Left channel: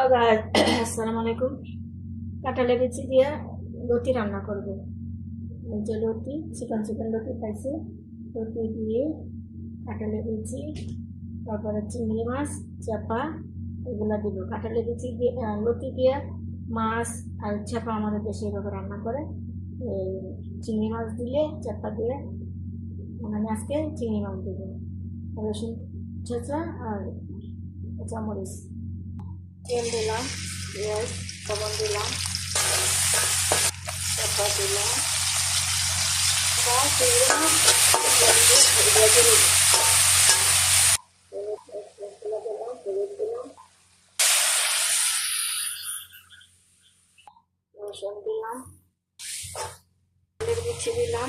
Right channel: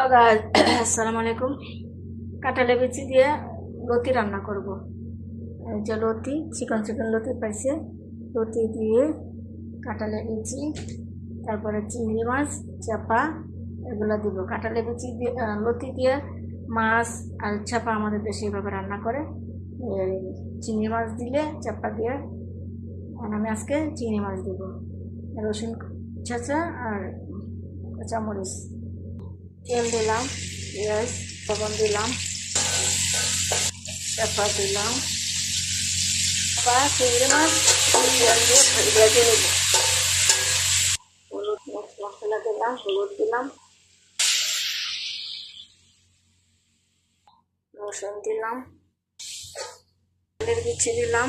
আসসালামু আলাইকুম। কাঁঠালের বিচি দিয়ে লতি রান্না করব। এই যে লতি, চিকন চিকন লতি পাইছে। লতি দিয়ে কাঁঠালের বিচি, তারপরে চিংড়ি মাছ, চাপা এগুলো দিব। কাঁঠালের বিচি দিয়ে লতি দিয়ে মাছ আর চাপা আমাদের দেশে এভাবে রান্না করে। এই চিংড়ি মাছ দিলে চাপা দিয়ে, আর আমি আজকে চিংড়ি মাছ দিব। রসুন ছেঁচা আর কাঁচামরিচ, তেল দিলাম, পেঁয়াজ, লবণ দিলাম, চাপা দিলাম, চিংড়ি মাছ পেঁয়াজ দিয়ে ভেজে নেব। হলুদ মশলা দিলাম, হলুদ দিলাম, রসুন দিলাম, তেলের বিচি দিলাম,